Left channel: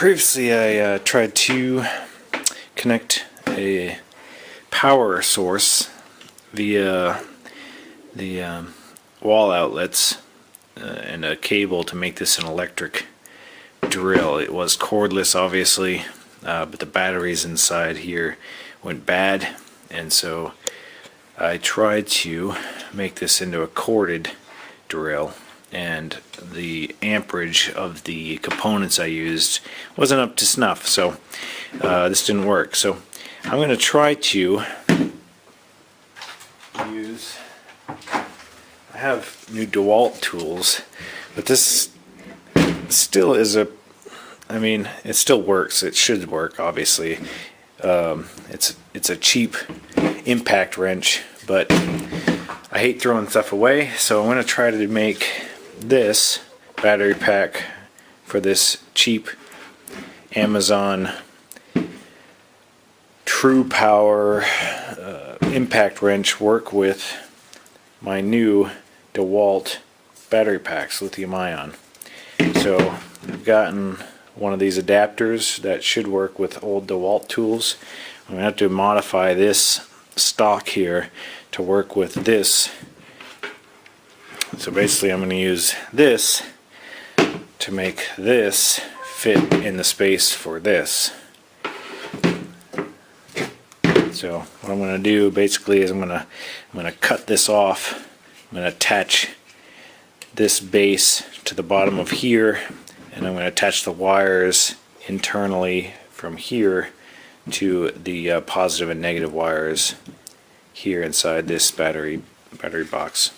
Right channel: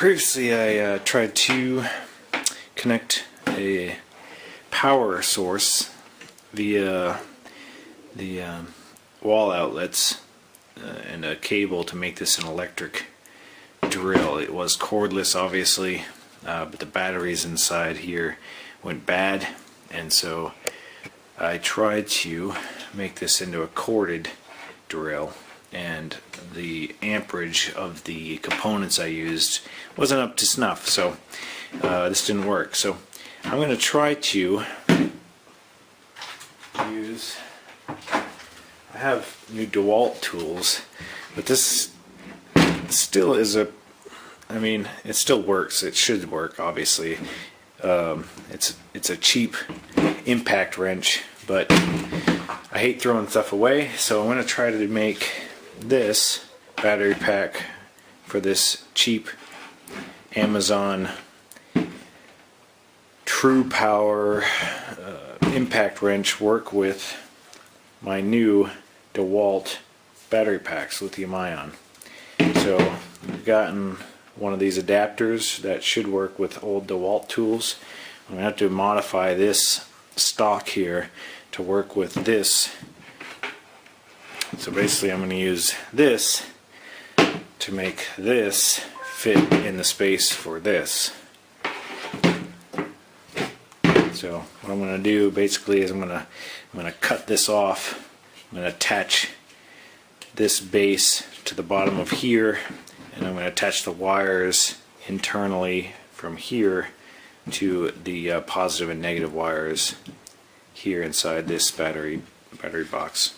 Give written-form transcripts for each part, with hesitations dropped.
previously I tried to connect a power source via the wall outlets and a cable to make this an electric drill. It was cordless, obviously, but the batteries inside here went bad, and so I tried to make this into a corded drill, and the amperage of the components I used wasn't up to snuff, so this didn't work. So I'm going to try to use, I have new Dewalt tools, but this still is a, I mean, it still works. It should work, obviously. It's a cheap impact wrench, but I hate throwing stuff away, so I'm going to try to make this battery pack for this cheap Amazon True Power impact wrench work with my new Dewalt battery packs, lithium ion. So I've gotten one of these adapters that should work with old Dewalt tools. I'm going to have to modify this stock here to work with this. So basically I'm going to use this to make this fit in the space for this. So what I'm going to do basically is I'm going to cut this off. I'm going to attach this base to the bottom of here, and I'm going to attach the wires internally from here to the positive and negative wires here inside this battery box.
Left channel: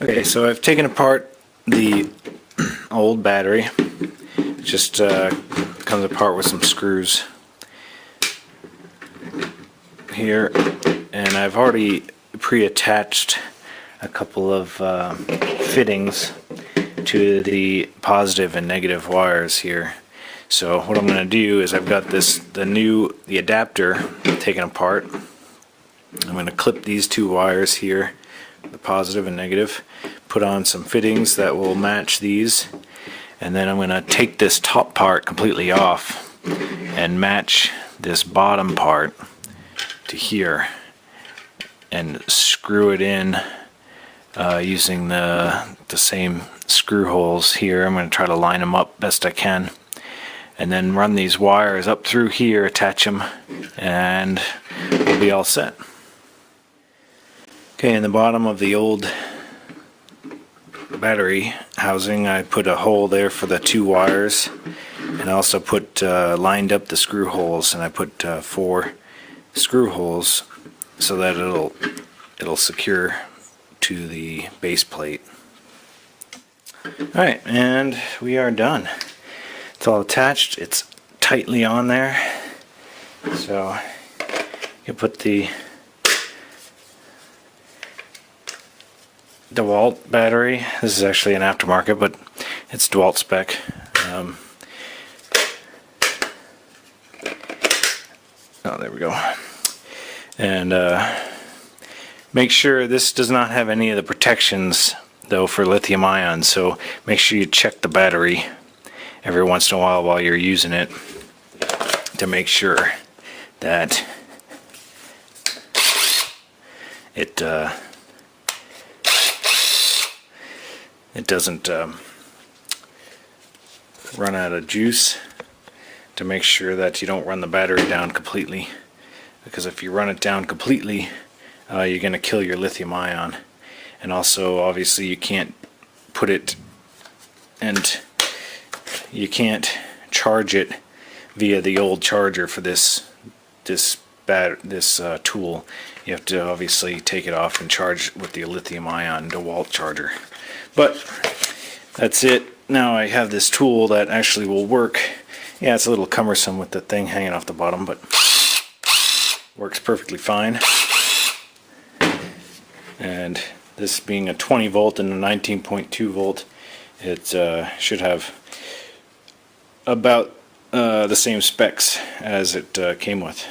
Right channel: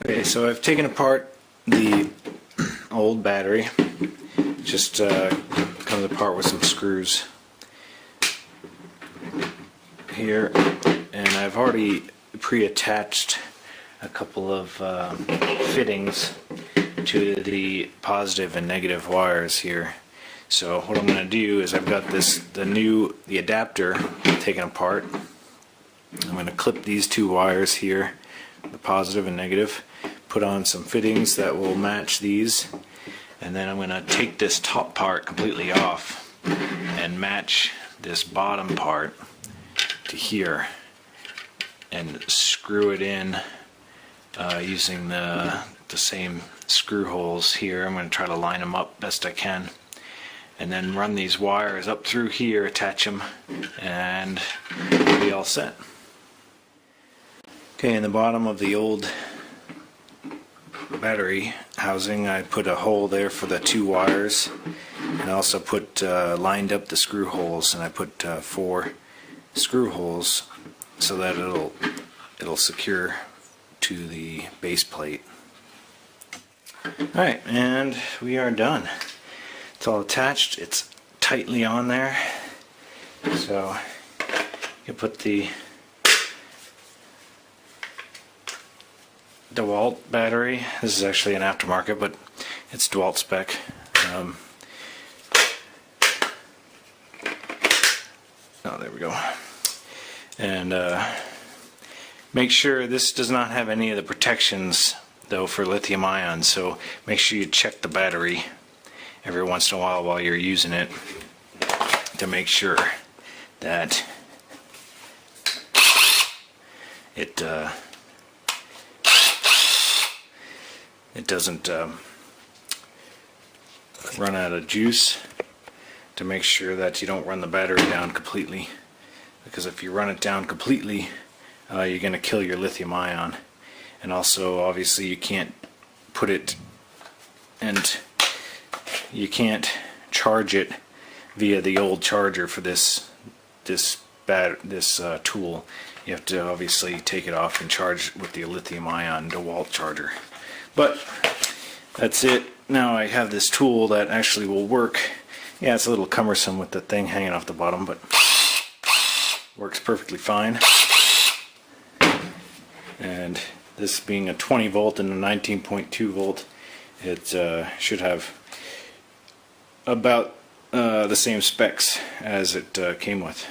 Okay, so I've taken apart the old battery. It just comes apart with some screws here, and I've already pre-attached a couple of fittings to the positive and negative wires here. So what I'm going to do is I've got the adapter taken apart. I'm going to clip these two wires here, the positive and negative, put on some fittings that will match these, and then I'm going to take this top part completely off and match this bottom part to here and screw it in using the same screw holes here. I'm going to try to line them up best I can, and then run these wires up through here, attach them, and we'll be all set. Okay, in the bottom of the old battery housing, I put a hole there for the two wires, and I also put lined up the screw holes, and I put 4 screw holes so that it'll secure to the base plate. Alright, and we are done. It's all attached, it's tightly on there, so you put the Dewalt battery. This is actually an aftermarket, but it's Dewalt spec. Oh, there we go. And make sure this does not have any of the protections though for lithium ion, so make sure you check the battery every once in a while you're using it to make sure that it doesn't run out of juice, to make sure that you don't run the battery down completely, because if you run it down completely you're going to kill your lithium ion. And also obviously you can't put it, and you can't charge it via the old charger for this tool. You have to obviously take it off and charge with the lithium ion DeWalt charger. But that's it. Now I have this tool that actually will work. Yeah, it's a little cumbersome with the thing hanging off the bottom, but works perfectly fine. And this being a 20 volt and a 19.2 volt, it should have about the same specs as it came with.